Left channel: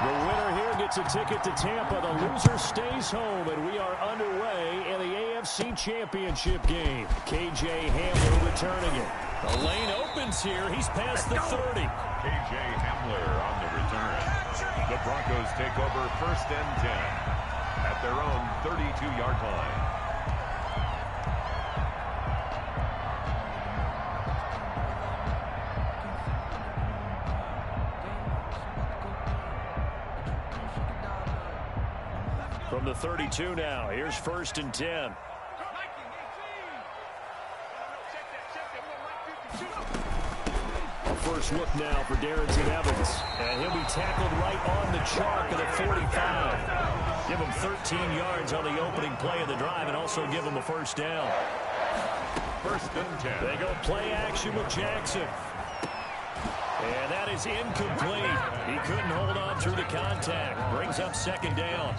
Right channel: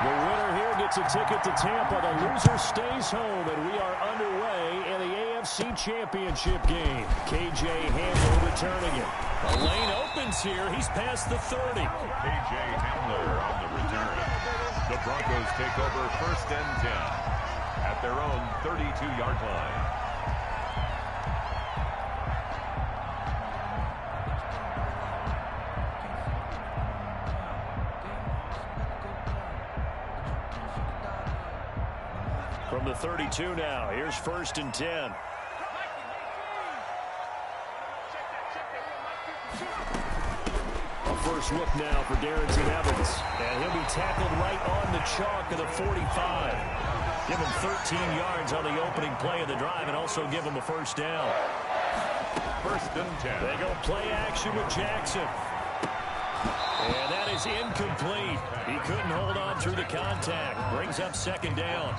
The winner here gets a ticket to Tampa. The loser stays home, and we are underway in the AFC Championship game. KJ Hamler returning it. The lane opens here. He's past the 30. KJ Hamler on the return. The Broncos take over 1st and 10 at their own 32-yard line. From the 32 now, here's 1st and 10. A first look now for Darrington Evans. And he'll be tackled right on the chalk of the 45. Give him 13 yards on the opening play of the drive and also give him a first down. 1st and 10. They go play action with Jackson. And that is incomplete. He couldn't hold on through the contact. Brings up 2nd down.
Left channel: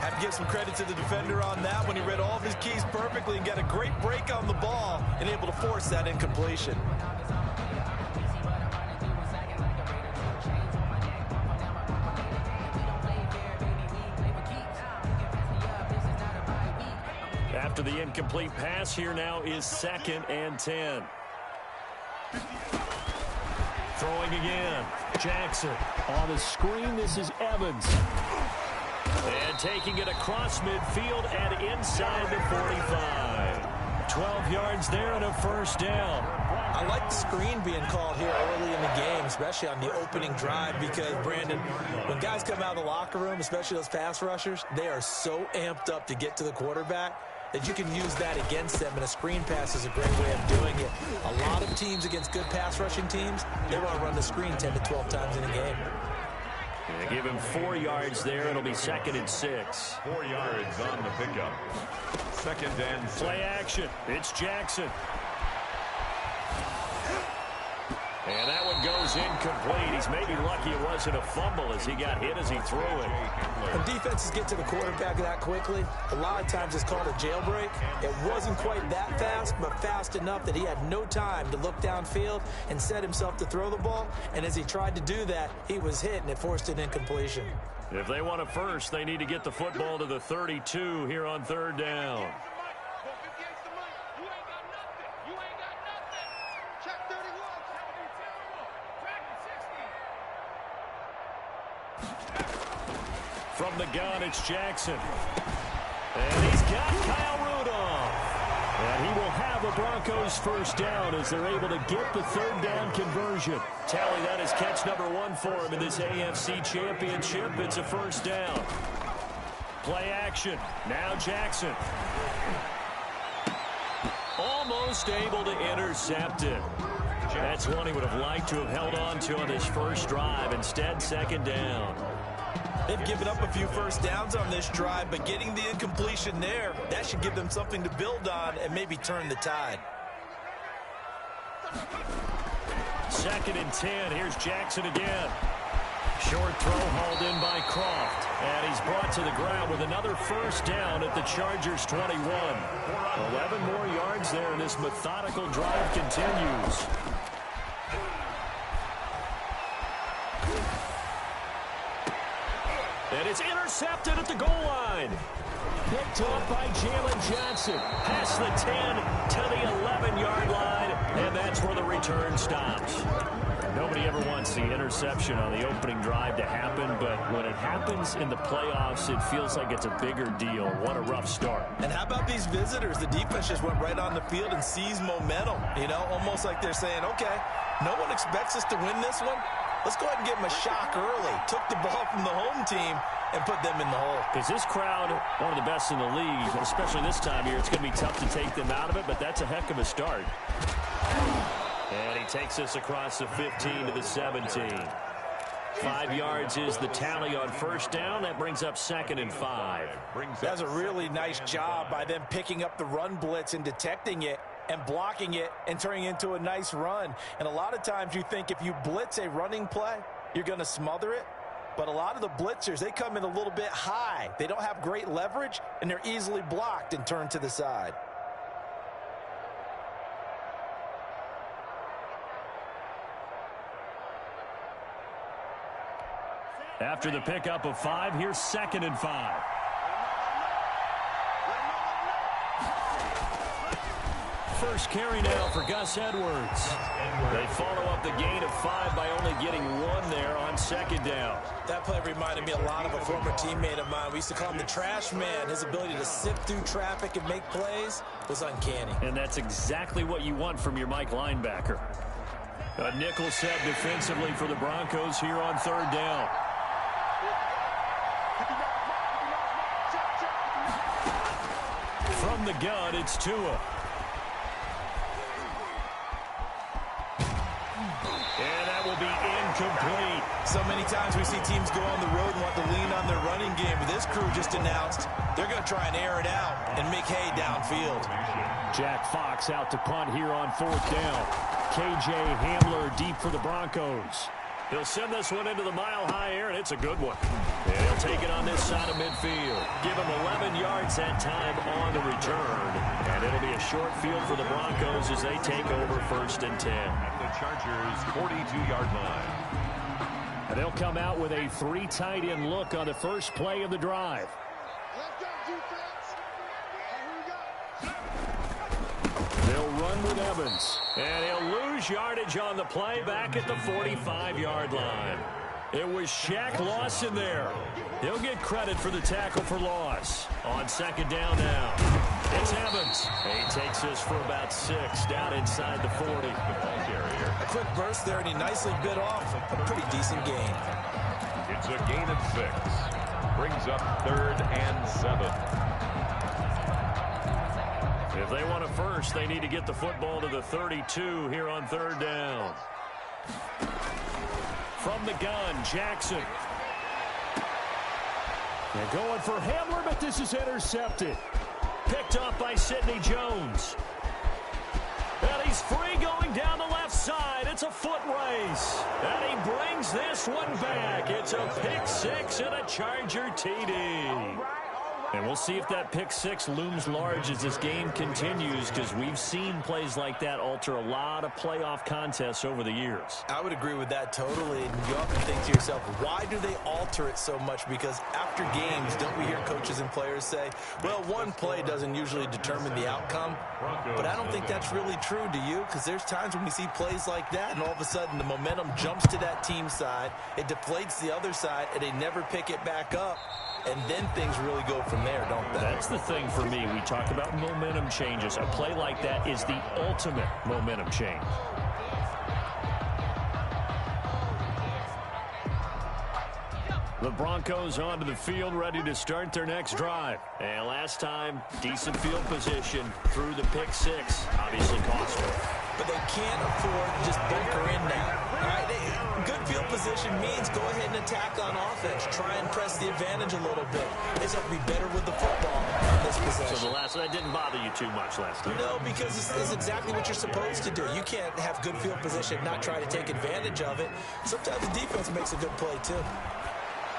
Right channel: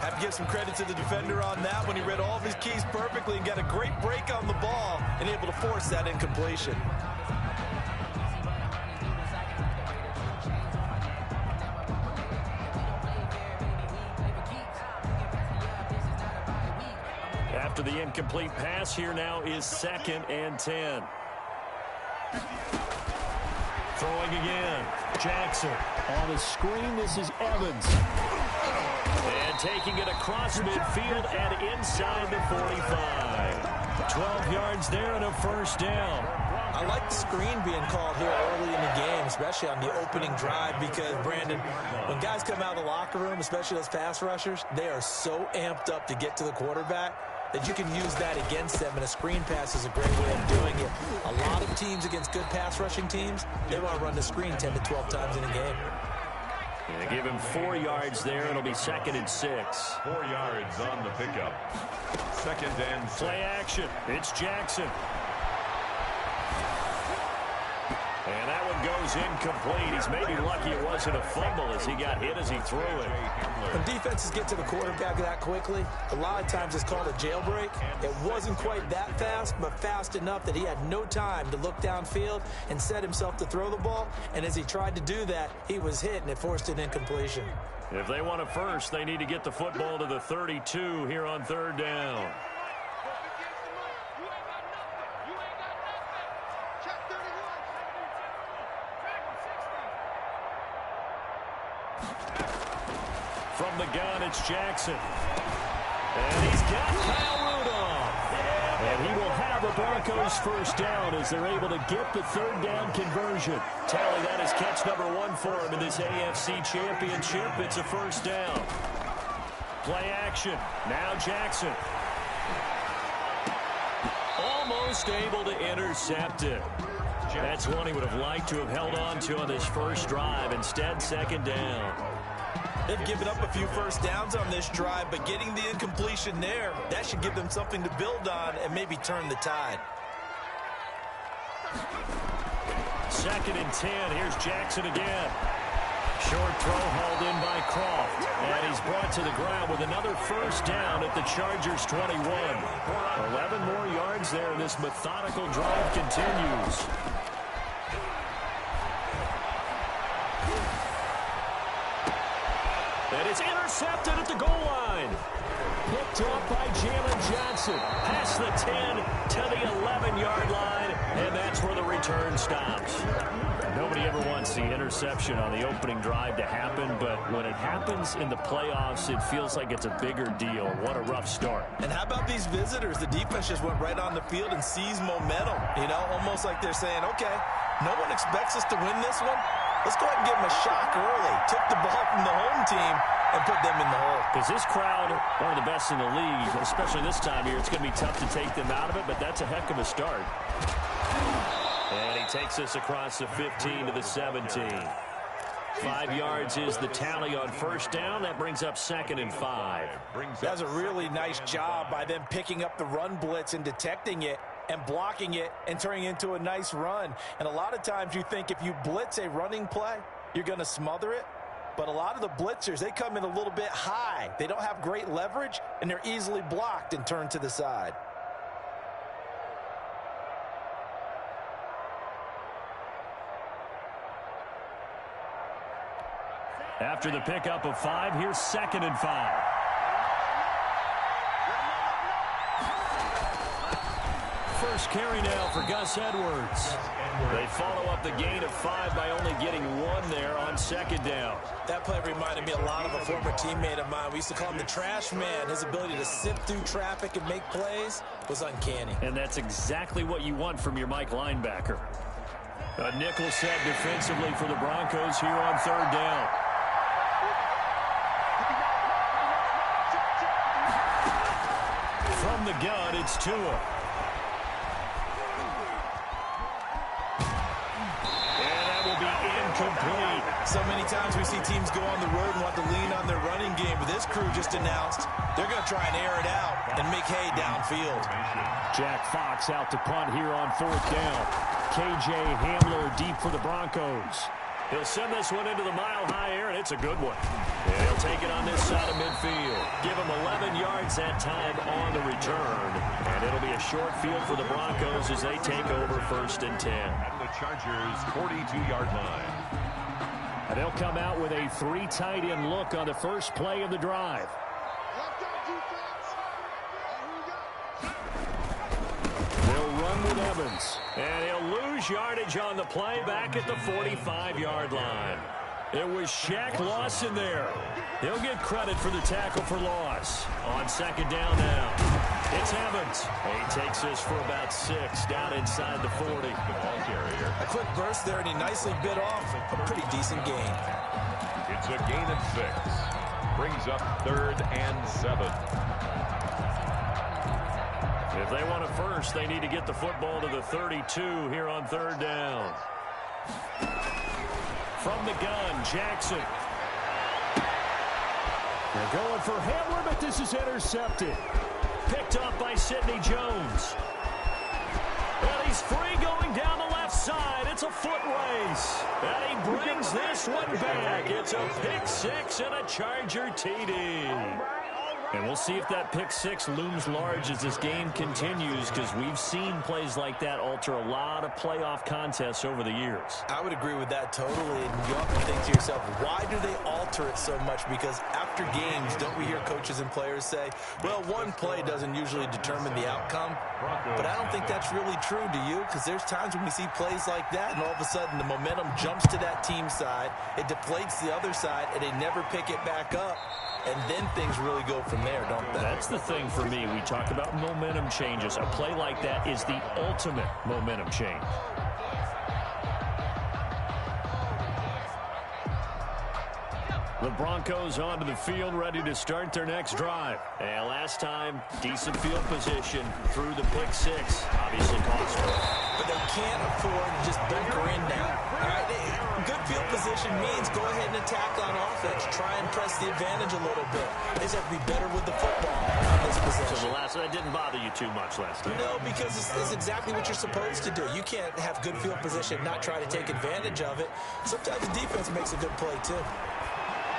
Have to give some credit to the defender on that when he read all of his keys perfectly and got a great break on the ball and able to force that incompletion. After the incomplete pass, here now is 2nd and 10. Throwing again. Jackson. On the screen, this is Evans. And taking it across midfield and inside the 45. 12 yards there and a first down. I like the screen being called here early in the game, especially on the opening drive, because, Brandon, when guys come out of the locker room, especially those pass rushers, they are so amped up to get to the quarterback that you can use that against them, and a screen pass is a great way of doing it. A lot of teams against good pass rushing teams, they want to run the screen 10 to 12 times in a game. And give him 4 yards there. It'll be 2nd and 6. 4 yards on the pickup. 2nd and 6. Play action. It's Jackson. And that one goes incomplete. He's maybe lucky it wasn't a fumble as he got hit as he threw it. When defenses get to the quarterback that quickly, a lot of times it's called a jailbreak. It wasn't quite that fast, but fast enough that he had no time to look downfield and set himself to throw the ball. And as he tried to do that, he was hit, and it forced an incompletion. If they want a first, they need to get the football to the 32 here on 3rd down. From the gun, it's Jackson. And he's got Kyle Rudolph. And he will have a Broncos first down as they're able to get the 3rd down conversion. Tally, that is catch number 1 for him in this AFC Championship. It's a first down. Play action. Now Jackson. Almost able to intercept it. That's one he would have liked to have held on to on this first drive. Instead, 2nd down. They've given up a few first downs on this drive, but getting the incompletion there, that should give them something to build on and maybe turn the tide. 2nd and 10. Here's Jackson again. Short throw hauled in by Croft. And he's brought to the ground with another first down at the Chargers' 21. 11 more yards there, and this methodical drive continues. And it's intercepted at the goal line. Picked off by Jalen Johnson. Past the 10 to the 11-yard line. And that's where the return stops. Nobody ever wants the interception on the opening drive to happen, but when it happens in the playoffs, it feels like it's a bigger deal. What a rough start. And how about these visitors? The defense just went right on the field and seized momentum. You know, almost like they're saying, okay, no one expects us to win this one. Let's go ahead and give them a shock early. Took the ball from the home team and put them in the hole. Because this crowd, one of the best in the league, especially this time of year, it's going to be tough to take them out of it, but that's a heck of a start. And he takes us across the 15 to the 17. 5 yards is the tally on first down. That brings up 2nd and 5. That's a really nice job by them picking up the run blitz and detecting it and blocking it and turning it into a nice run. And a lot of times you think if you blitz a running play, you're going to smother it. But a lot of the blitzers, they come in a little bit high. They don't have great leverage, and they're easily blocked and turned to the side. After the pickup of 5, here's 2nd and 5. First carry now for Gus Edwards. They follow up the gain of 5 by only getting 1 there on 2nd down. That play reminded me a lot of a former teammate of mine. We used to call him the trash man. His ability to sift through traffic and make plays was uncanny. And that's exactly what you want from your Mike linebacker. A nickel set defensively for the Broncos here on 3rd down. From the gun, it's Tua. And that will be incomplete. So many times we see teams go on the road and want to lean on their running game, but this crew just announced they're going to try and air it out and make hay downfield. Jack Fox out to punt here on 4th down. K.J. Hamler deep for the Broncos. He'll send this one into the mile-high air, and it's a good one. And he'll take it on this side of midfield. Give him 11 yards that time on the return. And it'll be a short field for the Broncos as they take over 1st and 10. At the Chargers' 42-yard line. And they'll come out with a 3 tight end look on the first play of the drive. They'll run with Evans. And he'll lose yardage on the play back at the 45-yard line. It was Shaq Lawson there. He'll get credit for the tackle for loss. On 2nd down now. It's Evans. He takes this for about 6 down inside the 40. The ball carrier. A quick burst there, and he nicely bit off a pretty decent gain. It's a gain of 6. Brings up 3rd and 7. If they want a first, they need to get the football to the 32 here on 3rd down. From the gun, Jackson. They're going for Hamler, but this is intercepted. Picked up by Sidney Jones. And he's free going down the left side. It's a foot race. And he brings this one back. It's a pick 6 and a Charger TD. And we'll see if that pick 6 looms large as this game continues, because we've seen plays like that alter a lot of playoff contests over the years. I would agree with that totally. And you often think to yourself, why do they alter it so much? Because after games, don't we hear coaches and players say, well, one play doesn't usually determine the outcome? But I don't think that's really true, do you? Because there's times when we see plays like that, and all of a sudden the momentum jumps to that team side, it deflates the other side, and they never pick it back up. And then things really go from there, don't they? That's the thing for me. We talk about momentum changes. A play like that is the ultimate momentum change. The Broncos onto the field, ready to start their next drive. And last time, decent field position through the pick 6. Obviously cost them. But they can't afford to just bunker in now. All right, good field position means go ahead and attack on offense. Try and press the advantage a little bit. They just have to be better with the football on this possession. So that didn't bother you too much last time? No, because it's exactly what you're supposed to do. You can't have good field position, not try to take advantage of it. Sometimes the defense makes a good play, too.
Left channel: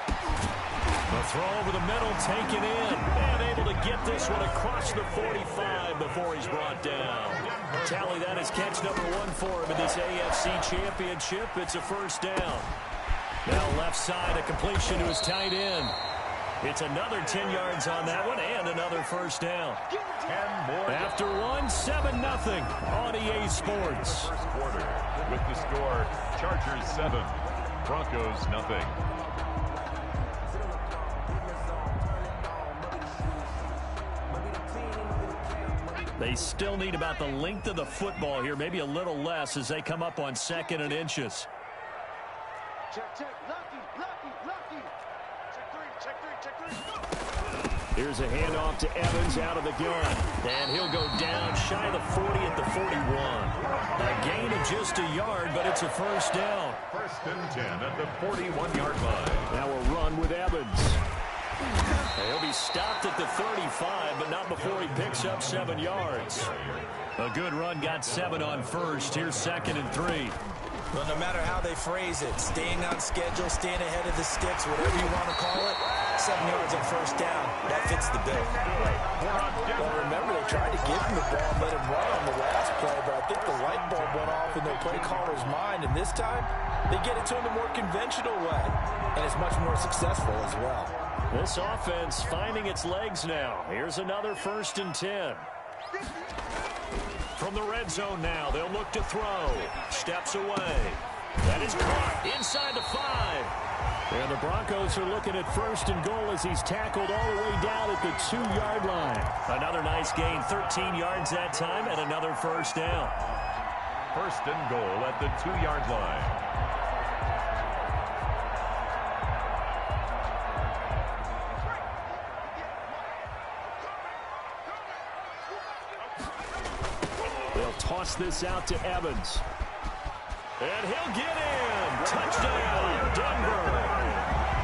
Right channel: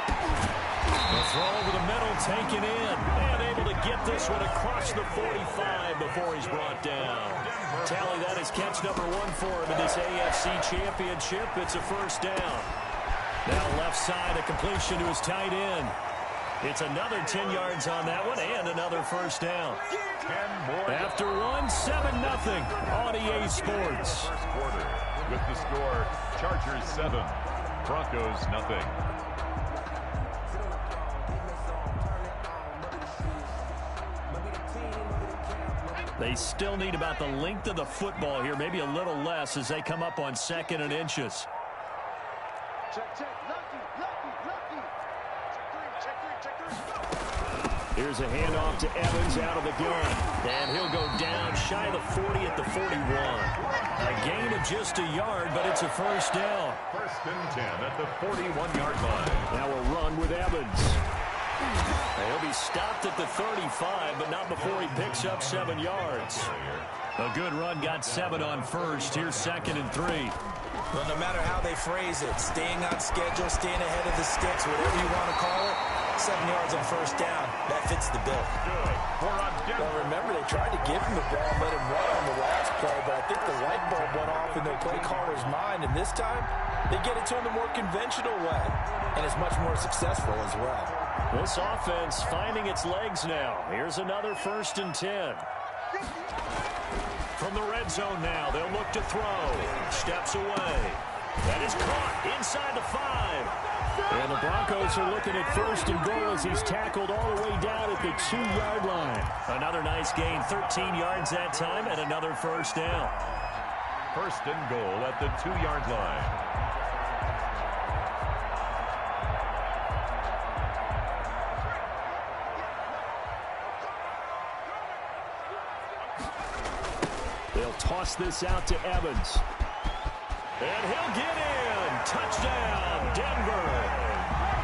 The throw over the middle, taken in, and able to get this one across the 45 before he's brought down. Tally that is catch number 1 for him in this AFC Championship. It's a 1st down. Now left side, a completion to his tight end. It's another 10 yards on that one, and another 1st down. 10 more. After 1, 7-0 on EA Sports. First quarter with the score, Chargers 7, Broncos nothing. They still need about the length of the football here, maybe a little less as they come up on 2nd and inches. Check, lucky. Check 3. Here's a handoff to Evans out of the gun. And he'll go down shy of the 40 at the 41. A gain of just a yard, but it's a 1st down. 1st and 10 at the 41-yard line. Now a run with Evans. He'll be stopped at the 35, but not before he picks up 7 yards. A good run, got 7 on 1st. Here's 2nd and 3. Well, no matter how they phrase it, staying on schedule, staying ahead of the sticks, whatever you want to call it, 7 yards on first down. That fits the bill. Well, remember, they tried to give him the ball and let him run on the last play, but I think the light bulb went off in their play caller's mind, and this time they get it to him the more conventional way, and it's much more successful as well. This offense finding its legs now. Here's another 1st and 10. From the red zone now, they'll look to throw. Steps away. That is caught inside the 5. And the Broncos are looking at 1st and goal as he's tackled all the way down at the 2-yard line. Another nice gain, 13 yards that time, and another 1st down. 1st and goal at the 2-yard line. They'll toss this out to Evans. And he'll get in. Touchdown, Denver.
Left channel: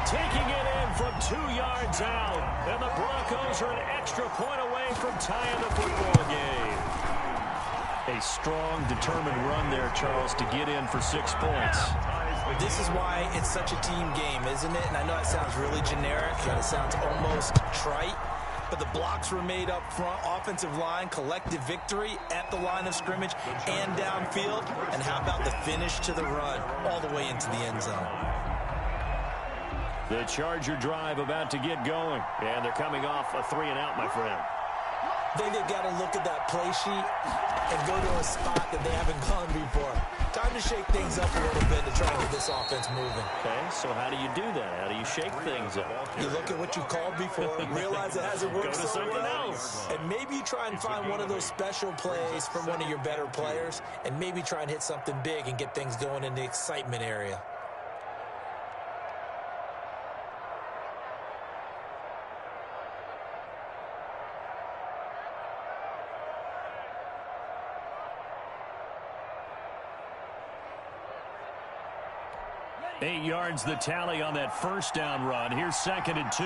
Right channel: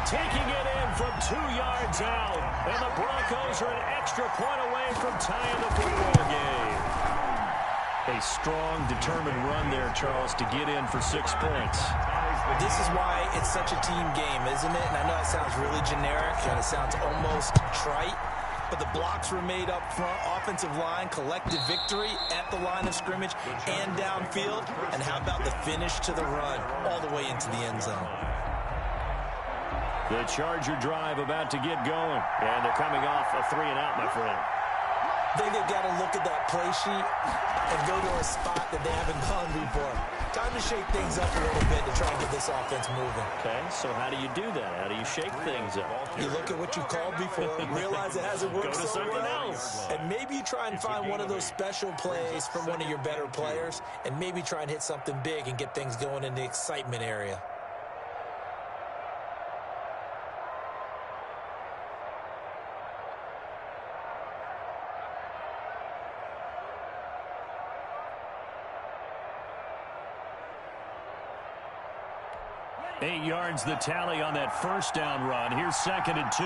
Taking it in from 2 yards out. And the Broncos are an extra point away from tying the football game. A strong, determined run there, Charles, to get in for 6 points. This is why it's such a team game, isn't it? And I know it sounds really generic, and it sounds almost trite. But the blocks were made up front, offensive line, collective victory at the line of scrimmage and downfield. And how about the finish to the run all the way into the end zone? The Charger drive about to get going. And they're coming off a 3-and-out, my friend. I think they've got to look at that play sheet and go to a spot that they haven't gone before. Time to shake things up a little bit to try and get this offense moving. Okay, so how do you do that? How do you shake things up? You look at what you called before, realize it hasn't worked Go to so something well, else. and maybe you try and find one of those special plays from one of your better players, and maybe try and hit something big and get things going in the excitement area. Eight yards the tally on that 1st down run. Here's 2nd and 2.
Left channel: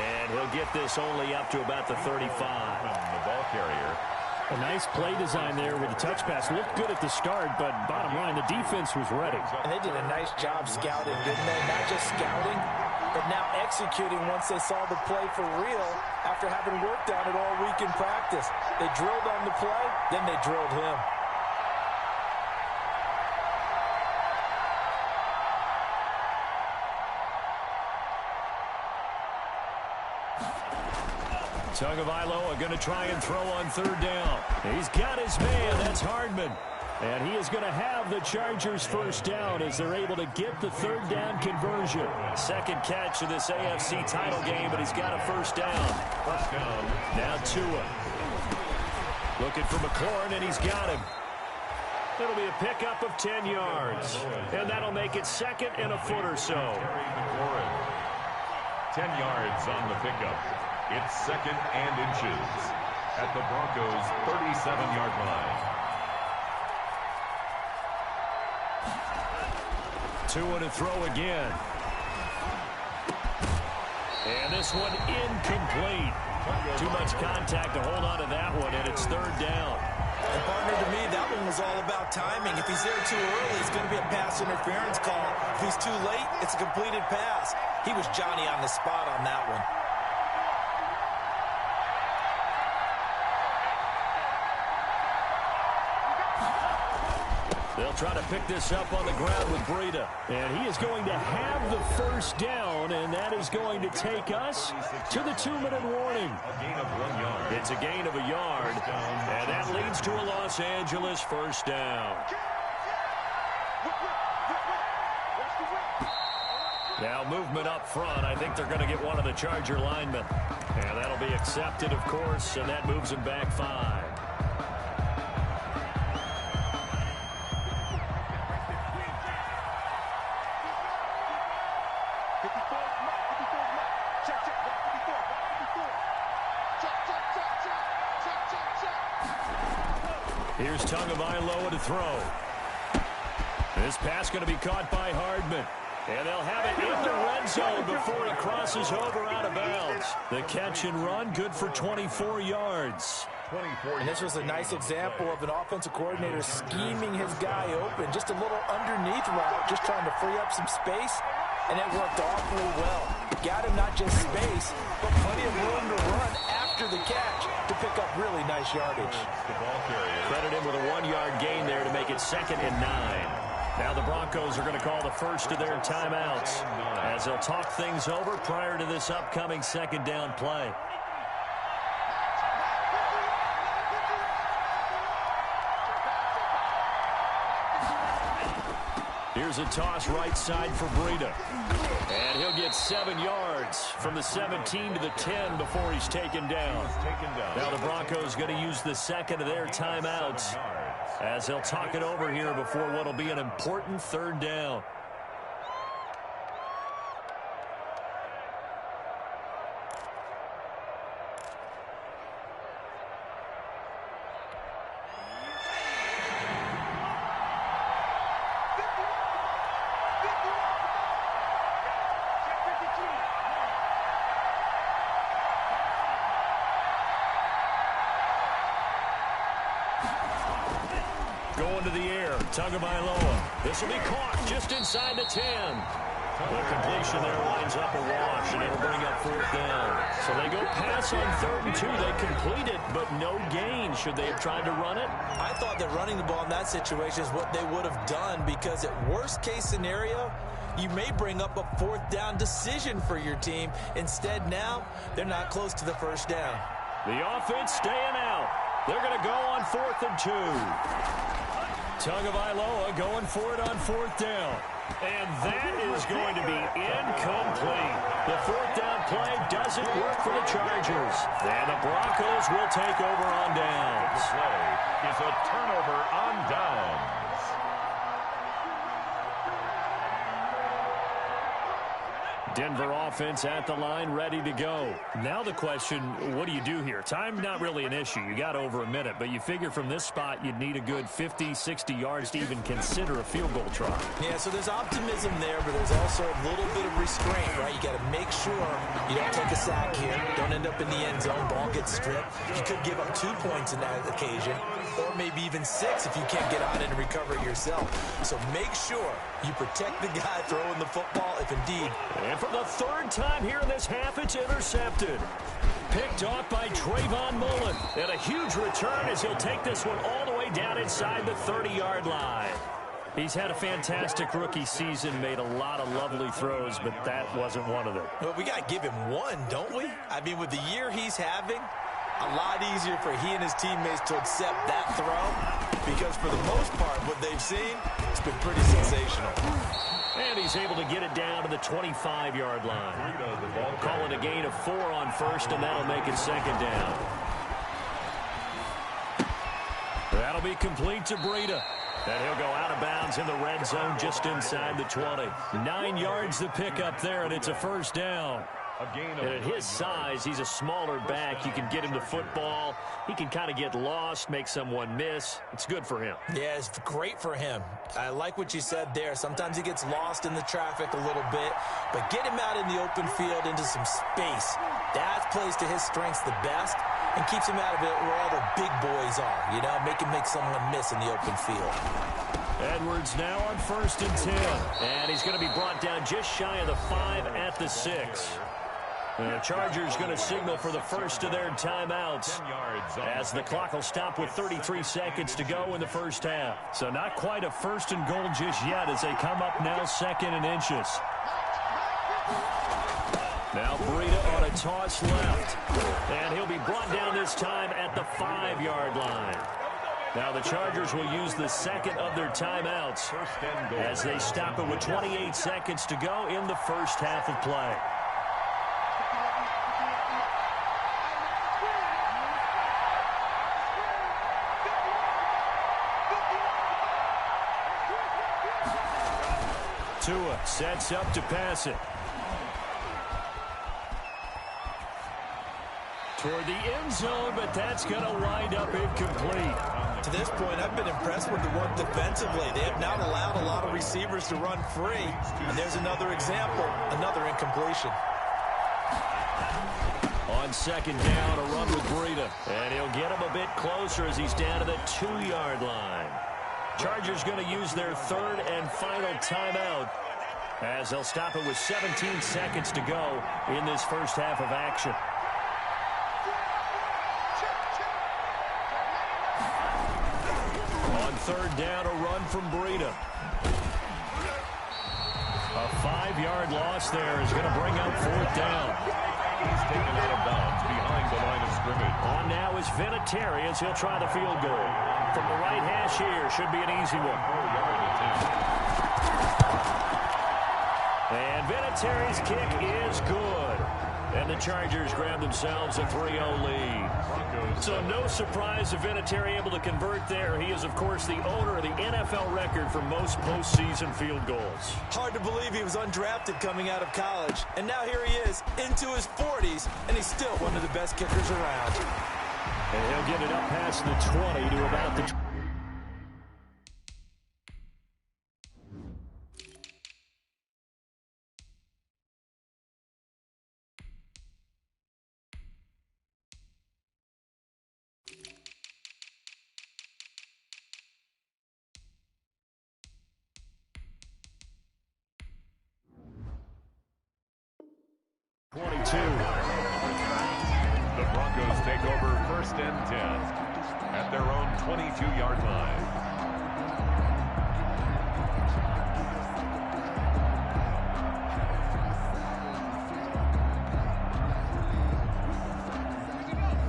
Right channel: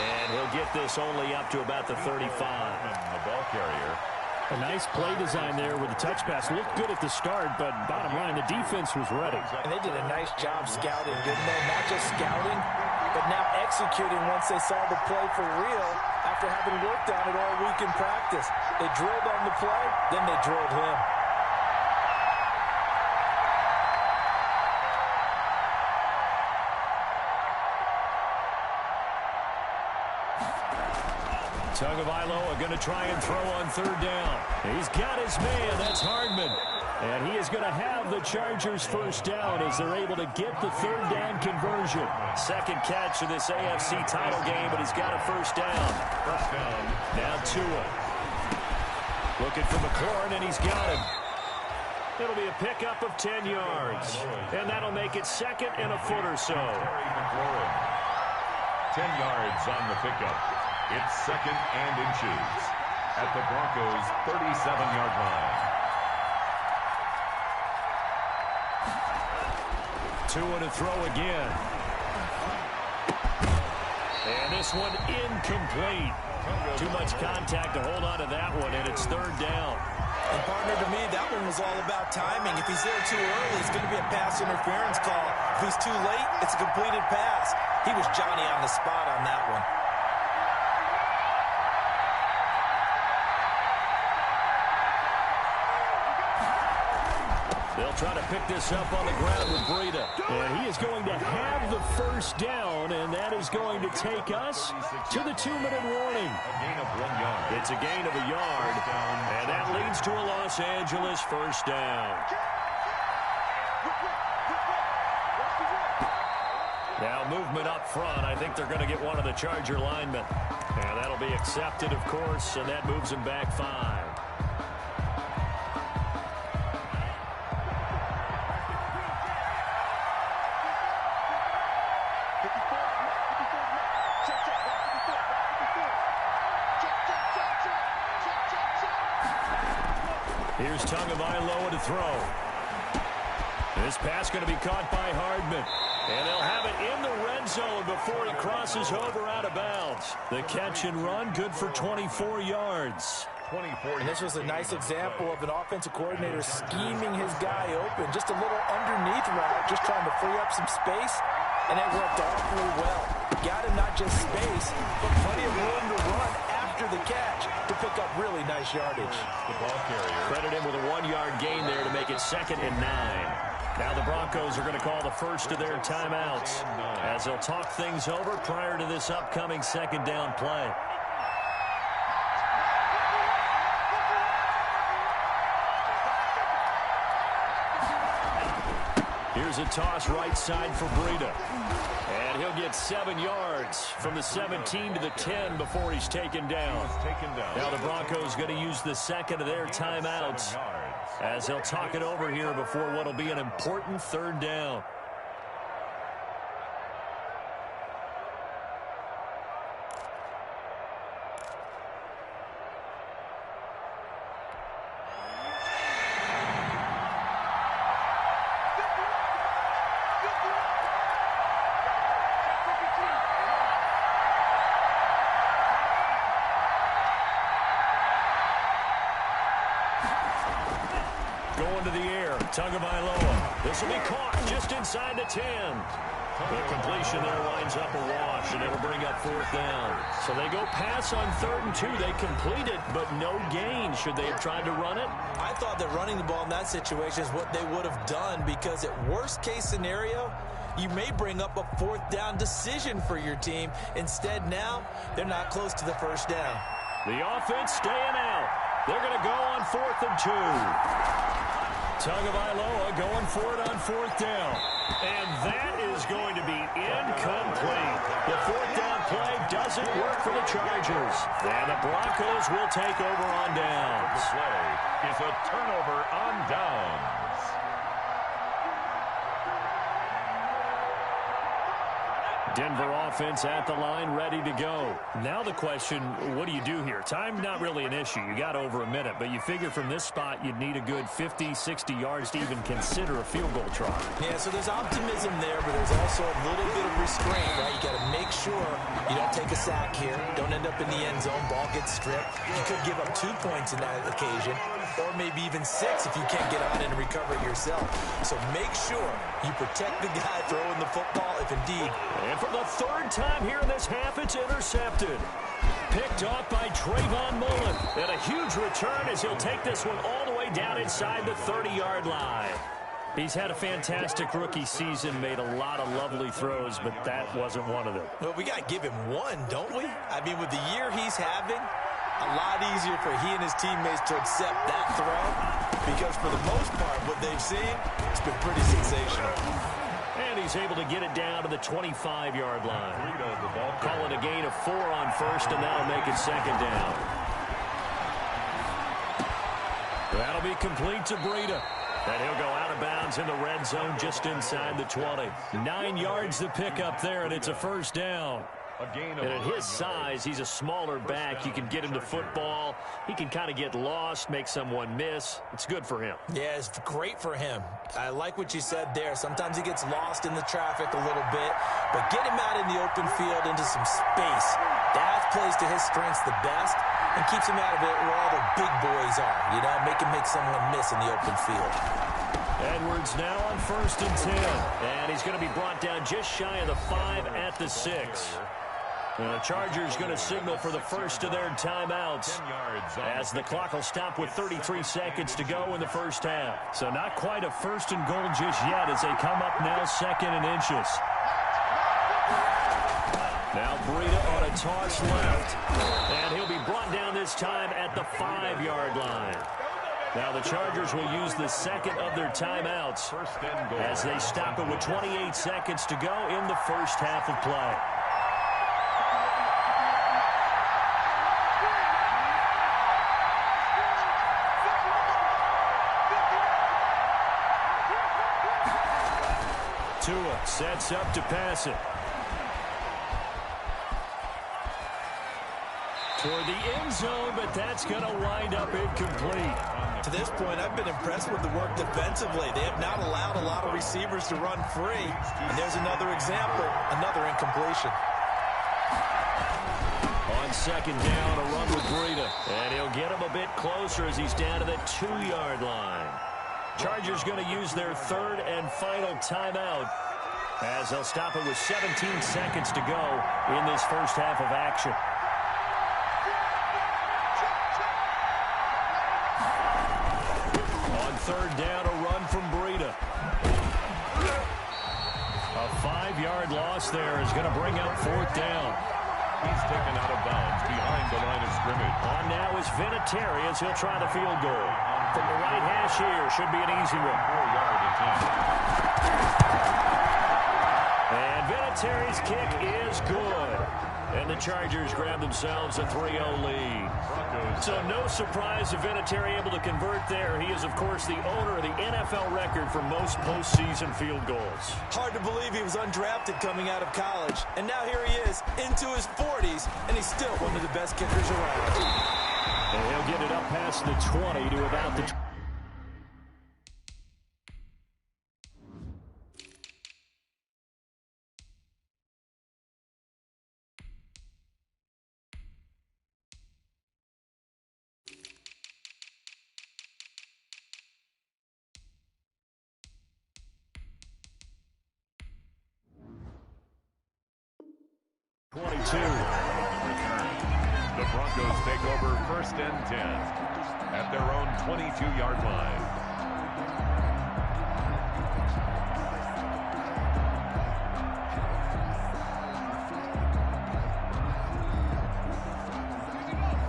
And he'll get this only up to about the 35. The ball carrier. A nice play design there with the touch pass. Looked good at the start, but bottom line, the defense was ready. And they did a nice job scouting, didn't they? Not just scouting, but now executing once they saw the play for real after having worked on it all week in practice. They drilled on the play, then they drilled him. Tagovailoa going to try and throw on 3rd down. He's got his man. That's Hardman. And he is going to have the Chargers 1st down as they're able to get the 3rd down conversion. 2nd catch of this AFC title game, but he's got a 1st down. 1st down. Now Tua. Looking for McLaurin, and he's got him. It'll be a pickup of 10 yards. And that'll make it 2nd and a foot or so. 10 yards on the pickup. It's 2nd and inches at the Broncos' 37-yard line. Tua to throw again. And this one incomplete. Too much contact to hold on to that one, and it's 3rd down. And, partner, to me, that one was all about timing. If he's there too early, it's going to be a pass interference call. If he's too late, it's a completed pass. He was Johnny on the spot on that one. They'll try to pick this up on the ground with Breida. And he is going to have the 1st down, and that is going to take us to the 2-minute warning. A gain of 1 yard. It's a gain of a yard, and that leads to a Los Angeles 1st down. Now movement up front. I think they're going to get one of the Charger linemen. And that'll be accepted, of course, and that moves him back 5. Here's Tagovailoa to throw. This pass going to be caught by Hardman. And they'll have it in the red zone before he crosses over out of bounds. The catch and run, good for 24 yards. 24. And this was a nice example of an offensive coordinator scheming his guy open. Just a little underneath route, just trying to free up some space, and it worked awfully well. Got him not just space, but plenty of room to run after the catch to pick up really nice yardage. The ball carrier. Credit him with a 1-yard gain there to make it 2nd and 9. Now the Broncos are going to call the first of their timeouts as they'll talk things over prior to this upcoming 2nd down play. Here's a toss right side for Breida. And he'll get 7 yards from the 17 to the 10 before he's taken down. Now the Broncos going to use the 2nd of their timeouts as they'll talk it over here before what will be an important 3rd down. Going to the air, Tagovailoa. This will be caught just inside the 10. The completion there winds up a wash, and it'll bring up 4th down. So they go pass on 3rd and 2. They complete it, but no gain. Should they have tried to run it? I thought that running the ball in that situation is what they would have done, because at worst case scenario, you may bring up a 4th down decision for your team. Instead, now, they're not close to the 1st down. The offense staying out. They're going to go on 4th and 2. Tagovailoa going for it on 4th down. And that is going to be incomplete. The 4th down play doesn't work for the Chargers. And the Broncos will take over on downs. The play is a turnover on downs. Denver offense at the line, ready to go. Now the question, what do you do here? Time not really an issue. You got over a minute, but you figure from this spot you'd need a good 50, 60 yards to even consider a field goal try. Yeah, so there's optimism there, but there's also a little bit of restraint, right? You got to make sure you don't take a sack here. Don't end up in the end zone. Ball gets stripped. You could give up 2 points in that occasion, or maybe even 6 if you can't get on it and recover it yourself. So make sure you protect the guy throwing the football if indeed. And for the 3rd time here in this half, it's intercepted. Picked off by Trayvon Mullen. And a huge return as he'll take this one all the way down inside the 30-yard line. He's had a fantastic rookie season, made a lot of lovely throws, but that wasn't one of them. Well, we got to give him one, don't we? I mean, with the year he's having, a lot easier for he and his teammates to accept that throw, because for the most part, what they've seen, it's been pretty sensational. And he's able to get it down to the 25-yard line. Call it a gain of 4 on 1st, and that'll make it 2nd down. That'll be complete to Breida. And he'll go out of bounds in the red zone just inside the 20. 9 yards to pick up there, and it's a 1st down. And at his size, he's a smaller back. You can get him to football. He can kind of get lost, make someone miss. It's good for him. Yeah, it's great for him. I like what you said there. Sometimes he gets lost in the traffic a little bit, but get him out in the open field into some space. That plays to his strengths the best and keeps him out of it where all the big boys are. You know, make him make someone miss in the open field. Edwards now on 1st and 10. And he's going to be brought down just shy of the 5 at the 6. The Chargers going to signal for the first of their timeouts as the clock will stop with 33 seconds to go in the 1st half. So not quite a 1st and goal just yet as they come up now 2nd and inches. Now Breida on a toss left. And he'll be brought down this time at the 5-yard line. Now the Chargers will use the 2nd of their timeouts as they stop it with 28 seconds to go in the 1st half of play. Tua sets up to pass it. Toward the end zone, but that's going to wind up incomplete. To this point, I've been impressed with the work defensively. They have not allowed a lot of receivers to run free. And there's another example, another incompletion. On 2nd down, a run with Breida. And he'll get him a bit closer as he's down to the 2-yard line. Chargers going to use their third and final timeout as they'll stop it with 17 seconds to go in this first half of action. On third down, a run from Breida. A 5-yard loss there is going to bring up fourth down. He's taken out of bounds behind the line of scrimmage. On now is Vinatieri as he'll try the field goal. From the right hash here, should be an easy one. 4-yard attempt. And Vinatieri's kick is good. And the Chargers grab themselves a 3-0 lead. So no surprise if Vinatieri able to convert there. He is, of course, the owner of the NFL record for most postseason field goals. Hard to believe he was undrafted coming out of college. And now here he is into his 40s, and he's still one of the best kickers around. And he'll get it up past the 20 to about the 22. The Broncos take over first and 10 at their own 22-yard line.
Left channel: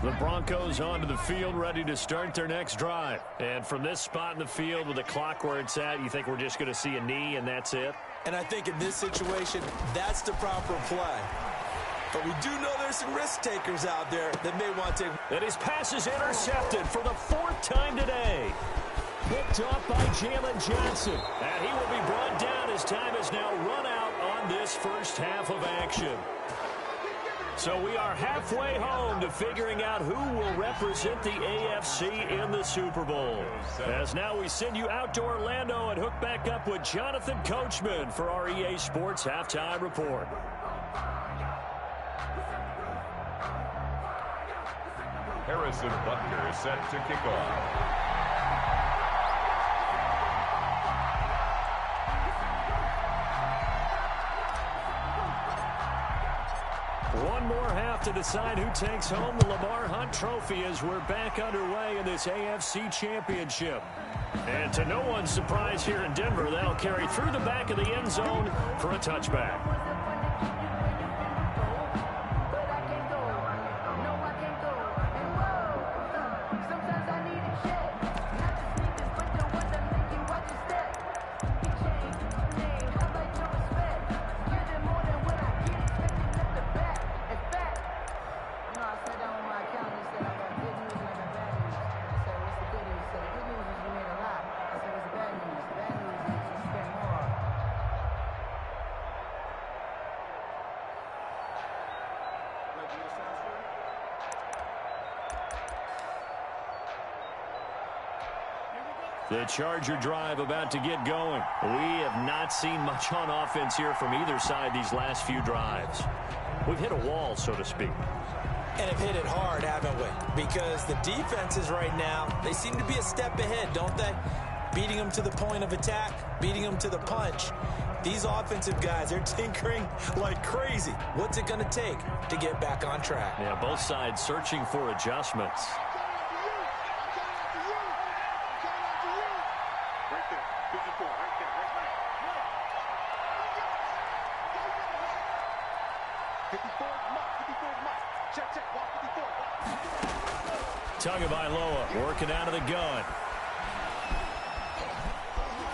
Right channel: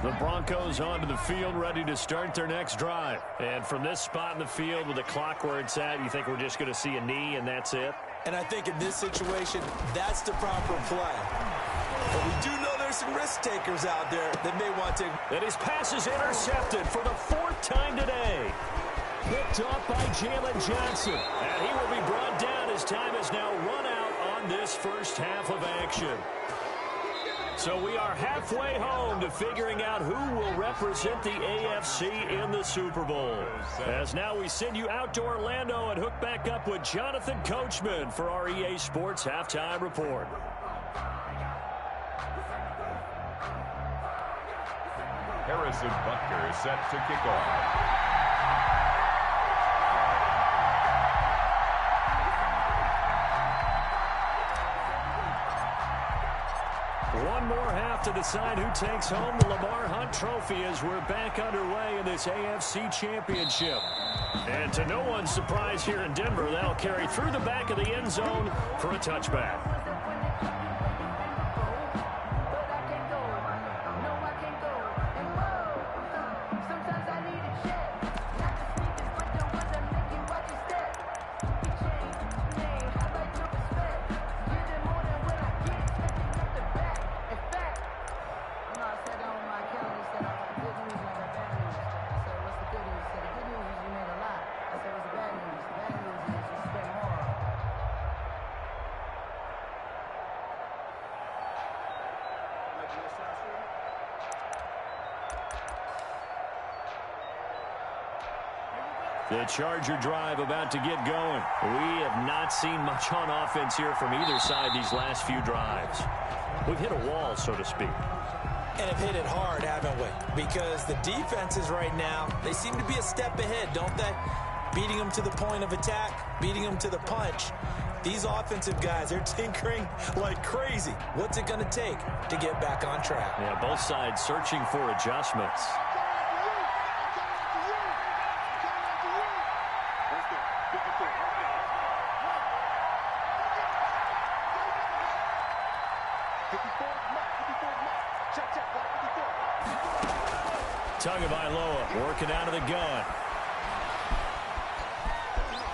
The Broncos onto the field, ready to start their next drive. And from this spot in the field with the clock where it's at, you think we're just going to see a knee and that's it? And I think in this situation, that's the proper play. But we do know there's some risk takers out there that may want to. And his pass is intercepted for the 4th time today. Picked off by Jalen Johnson. And he will be brought down as time has now run out on this first half of action. So we are halfway home to figuring out who will represent the AFC in the Super Bowl. As now we send you out to Orlando and hook back up with Jonathan Coachman for our EA Sports Halftime Report. Harrison Butker is set to kick off. One more half to decide who takes home the Lamar Hunt Trophy as we're back underway in this AFC Championship. And to no one's surprise here in Denver, that'll carry through the back of the end zone for a touchback. The Charger drive about to get going. We have not seen much on offense here from either side these last few drives. We've hit a wall, so to speak. And have hit it hard, haven't we? Because the defenses right now, they seem to be a step ahead, don't they? Beating them to the point of attack, beating them to the punch. These offensive guys, they're tinkering like crazy. What's it going to take to get back on track? Yeah, both sides searching for adjustments. Tagovailoa working out of the gun.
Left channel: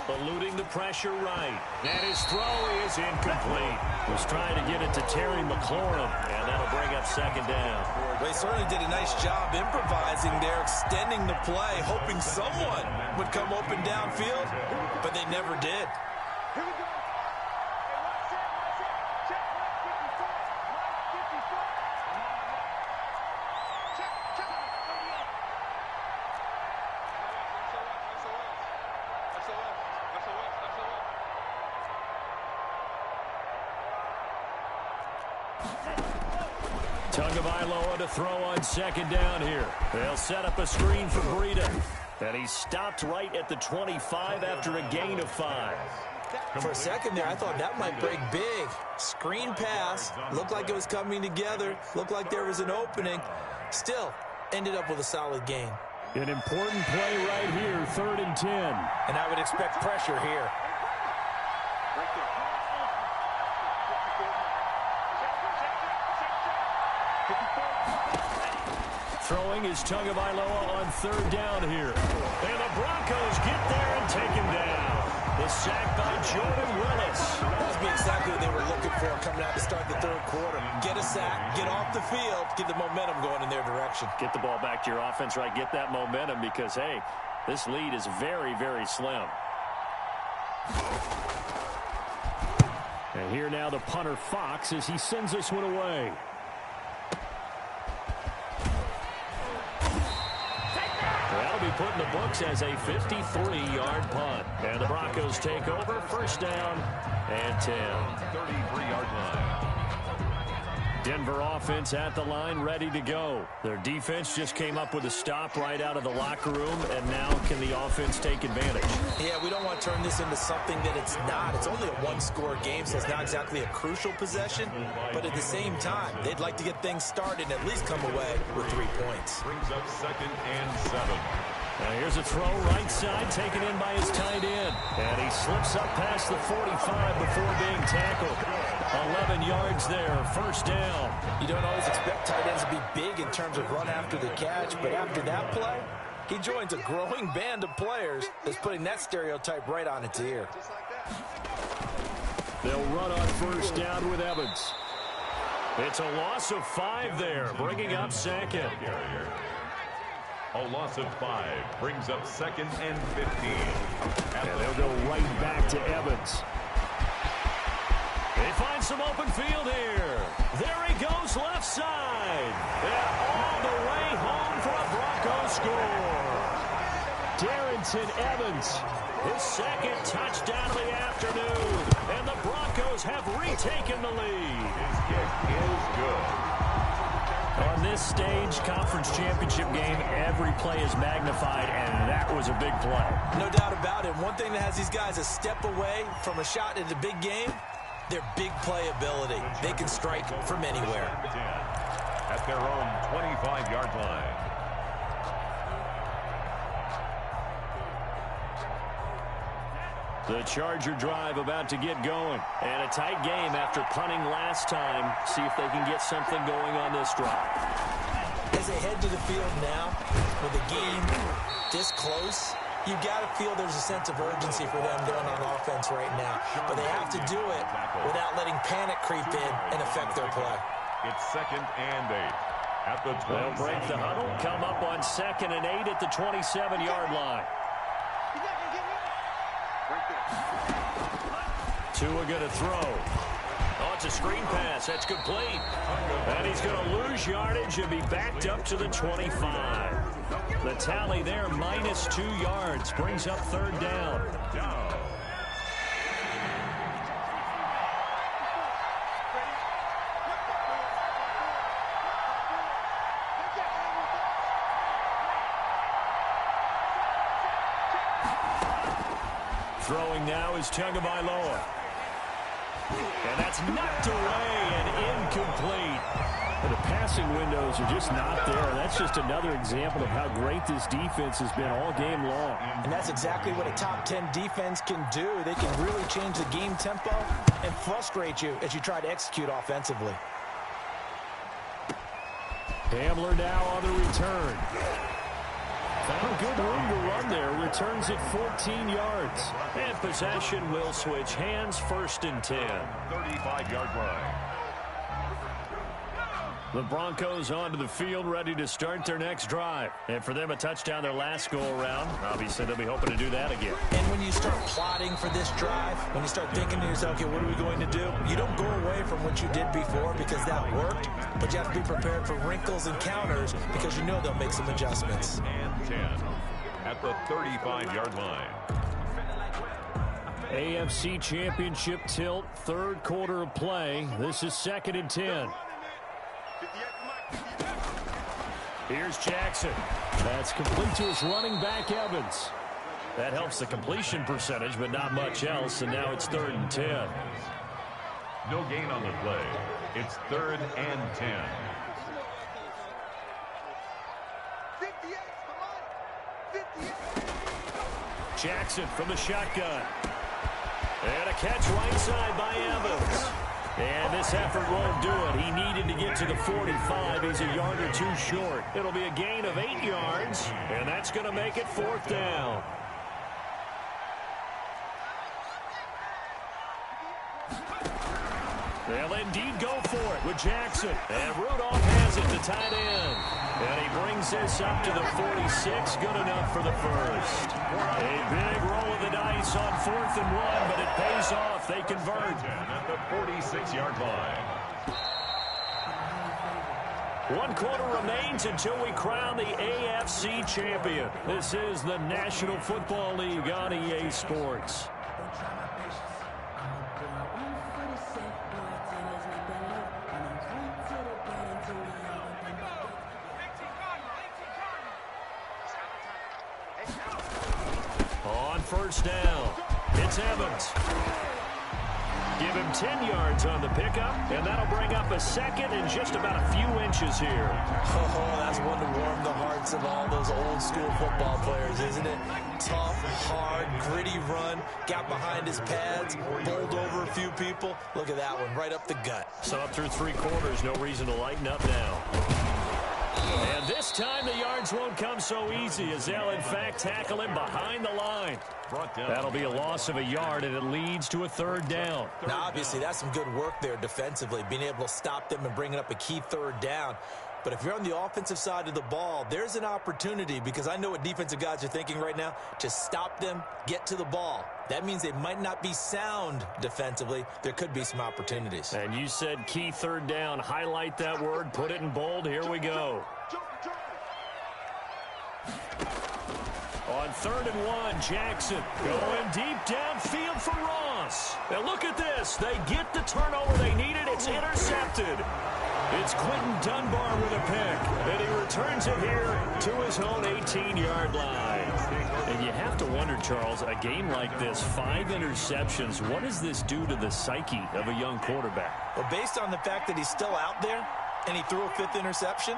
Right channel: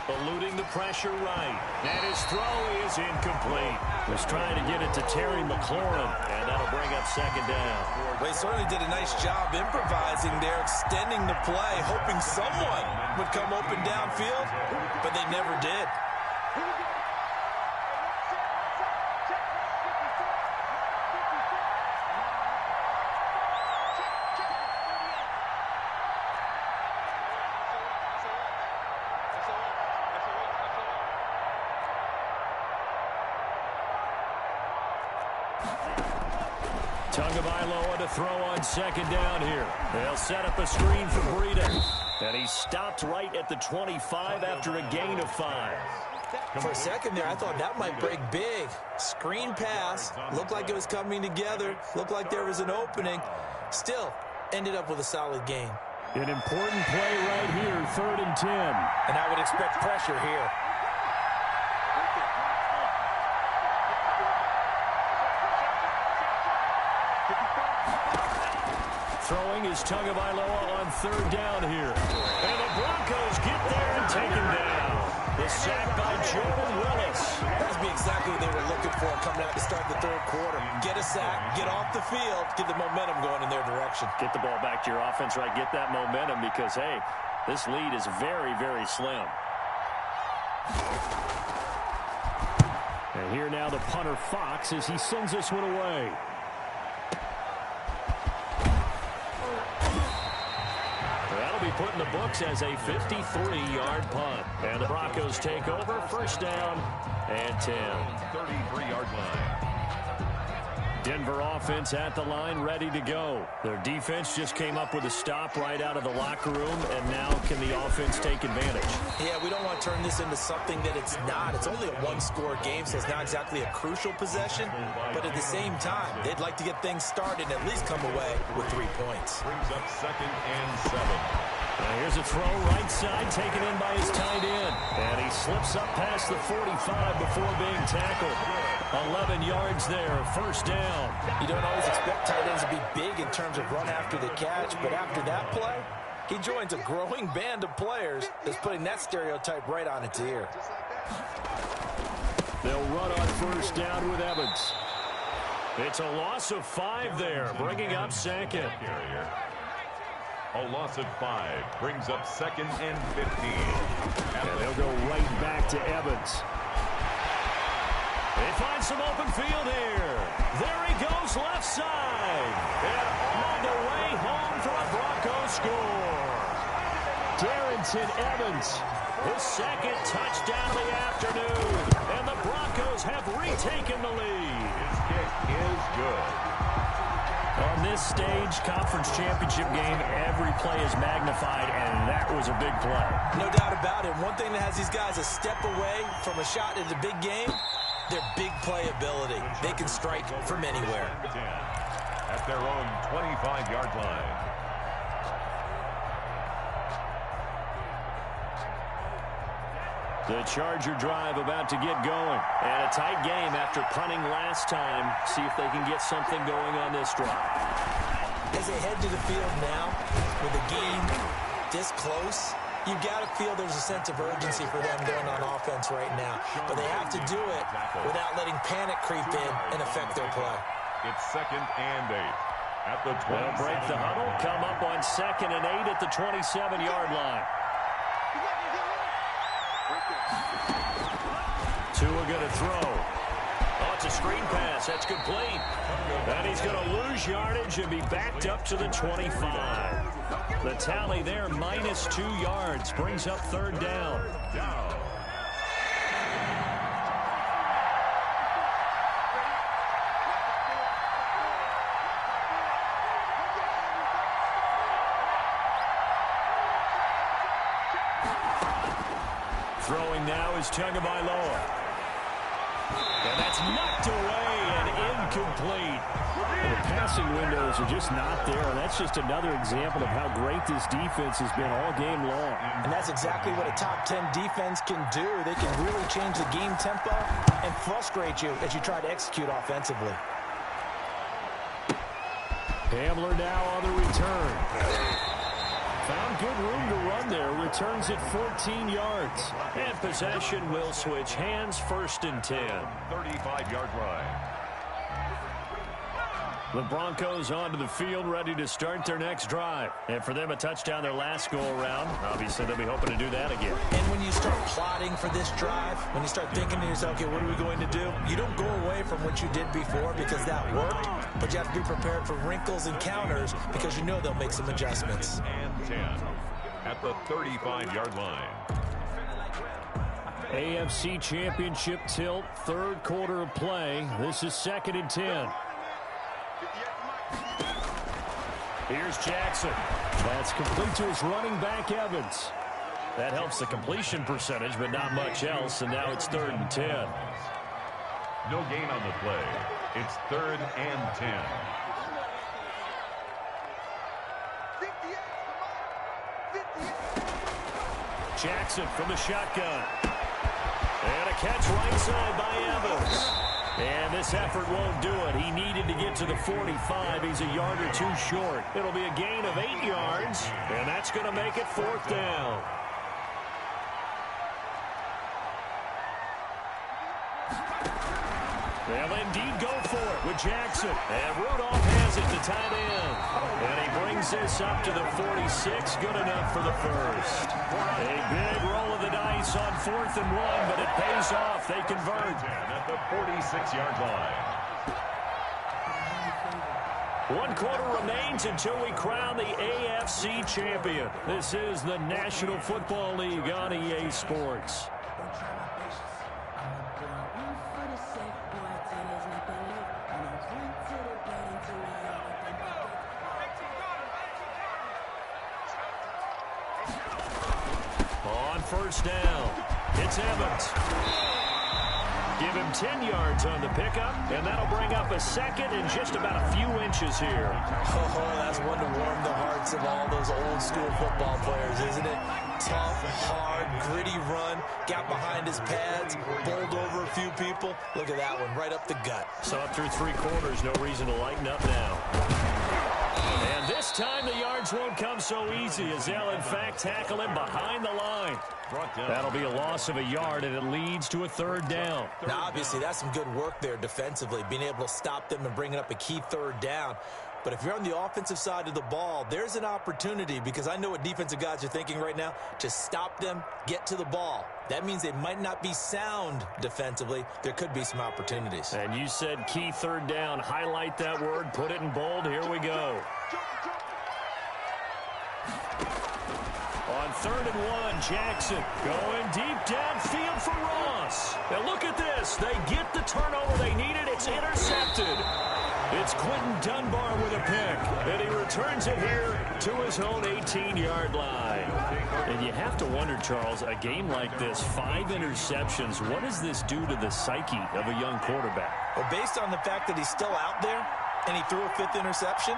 Eluding the pressure right. And his throw is incomplete. Was trying to get it to Terry McLaurin, and that'll bring up second down. They certainly did a nice job improvising there, extending the play, hoping someone would come open downfield, but they never did. Tagovailoa to throw on second down here. They'll set up a screen for Breida. And he's stopped right at the 25 after a gain of 5. For a second there, I thought that might break big. Screen pass. Looked like it was coming together. Looked like there was an opening. Still, ended up with a solid gain. An important play right here, 3rd and 10. And I would expect pressure here. Throwing is Tagovailoa on 3rd down here. And the Broncos get there and take him down. The sack by Jordan Willis. That must be exactly what they were looking for coming out to start the 3rd quarter. Get a sack, get off the field, get the momentum going in their direction. Get the ball back to your offense, right? Get that momentum because, hey, this lead is very, very slim. And here now the punter Fox as he sends this one away. That'll be put in the books as a 53-yard punt. And the Broncos take over, 1st down and 10. 33-yard line. Denver offense at the line, ready to go. Their defense just came up with a stop right out of the locker room, and now can the offense take advantage? Yeah, we don't want to turn this into something that it's not. It's only a one-score game, so it's not exactly a crucial possession. But at the same time, they'd like to get things started and at least come away with 3 points. Brings up 2nd and 7. Now here's a throw right side taken in by his tight end. And he slips up past the 45 before being tackled. 11 yards there, 1st down. You don't always expect tight ends to be big in terms of run after the catch, but after that play, he joins a growing band of players that's putting that stereotype right on its ear. They'll run on 1st down with Evans. It's a loss of 5 there, bringing up 2nd. A loss of 5 brings up 2nd and 15. And they'll go right back to Evans. They find some open field here. There he goes left side. And all the way home for a Broncos score. Darrington Evans, his 2nd touchdown of the afternoon. And the Broncos have retaken the lead. His kick is good. On this stage, conference championship game, every play is magnified, and that was a big play. No doubt about it. One thing that has these guys a step away from a shot in the big game, their big play ability. They can strike from anywhere. At their own 25-yard line. The Charger drive about to get going. And a tight game after punting last time. See if they can get something going on this drive. As they head to the field now, with the game this close, you got to feel there's a sense of urgency for them going on offense right now. But they have to do it without letting panic creep in and affect their play. It's 2nd and 8. At the 20. They'll break the huddle, come up on 2nd and 8 at the 27-yard line. Tua going to throw. Oh, it's a screen pass. That's complete. And he's going to lose yardage and be backed up to the 25. The tally there, minus 2 yards. Brings up 3rd down. Throwing now is Tagovailoa. And that's knocked away and incomplete. And the passing windows are just not there. That's just another example of how great this defense has been all game long. And that's exactly what a top 10 defense can do. They can really change the game tempo and frustrate you as you try to execute offensively. Hamler now on the return. Found good room to run there. Returns it 14 yards. And possession will switch hands, 1st and 10. 35-yard line. The Broncos onto the field, ready to start their next drive. And for them, a touchdown their last go-around. Obviously, they'll be hoping to do that again. And when you start plotting for this drive, when you start thinking to yourself, okay, what are we going to do? You don't go away from what you did before because that worked, but you have to be prepared for wrinkles and counters because you know they'll make some adjustments. And 10 at the 35-yard line. AFC Championship tilt, 3rd quarter of play. This is 2nd and 10. Here's Jackson. That's complete to his running back, Evans. That helps the completion percentage, but not much else, and now it's 3rd and 10. No gain on the play. It's 3rd and 10. 58 to Mike. 58. Jackson from the shotgun. And a catch right side by Evans. And this effort won't do it. He needed to get to the 45. He's a yard or two short. It'll be a gain of 8 yards, and that's going to make it 4th down. They'll indeed go for it with Jackson. And Rudolph has it to tight end. And he brings this up to the 46. Good enough for the first. A big roll of the dice on 4th and 1, but it pays off. They convert. At the 46-yard line. 1 quarter remains until we crown the AFC champion. This is the National Football League on EA Sports. On 1st down, it's Evans. Give him 10 yards on the pickup, and that'll bring up a 2nd and just about a few inches here. Oh, that's one to warm the hearts of all those old school football players, isn't it? Tough, hard, gritty run, got behind his pads, bowled over a few people. Look at that one, right up the gut. So up through 3 quarters, no reason to lighten up now. And this time the yards won't come so easy as they'll in fact tackle him behind the line. That'll be a loss of a yard, and it leads to a 3rd down. Now, obviously, that's some good work there defensively, being able to stop them and bringing up a key 3rd down. But if you're on the offensive side of the ball, there's an opportunity, because I know what defensive guys are thinking right now, to stop them, get to the ball. That means they might not be sound defensively. There could be some opportunities. And you said key 3rd down. Highlight that word, put it in bold. Here we go. On 3rd and 1, Jackson going deep downfield for Ross. Now look at this. They get the turnover they needed. It's intercepted. It's Quentin Dunbar with a pick, and he returns it here to his own 18-yard line. And you have to wonder, Charles, a game like this, 5 interceptions, what does this do to the psyche of a young quarterback? Well, based on the fact that he's still out there and he threw a 5th interception,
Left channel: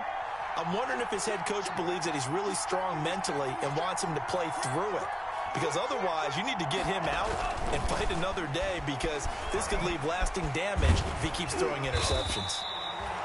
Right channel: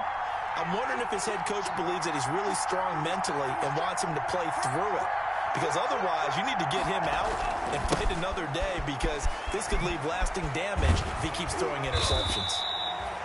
I'm wondering if his head coach believes that he's really strong mentally and wants him to play through it. Because otherwise, you need to get him out and fight another day, because this could leave lasting damage if he keeps throwing interceptions.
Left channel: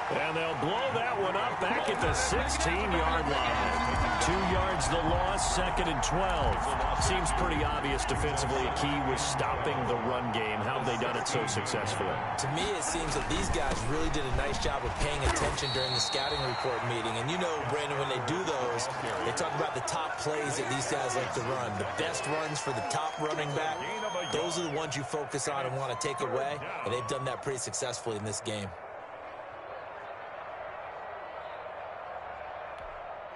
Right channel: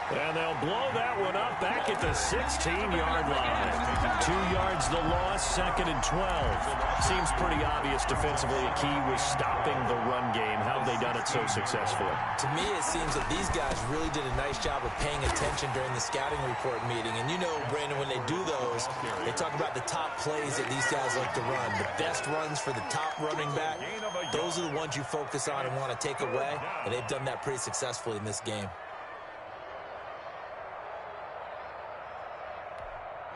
And they'll blow that one up back at the 16-yard line. 2 yards the loss, 2nd and 12. Seems pretty obvious defensively a key was stopping the run game. How have they done it so successfully? To me, it seems that these guys really did a nice job of paying attention during the scouting report meeting. And you know, Brandon, when they do those, they talk about the top plays that these guys like to run. The best runs for the top running back, those are the ones you focus on and want to take away. And they've done that pretty successfully in this game.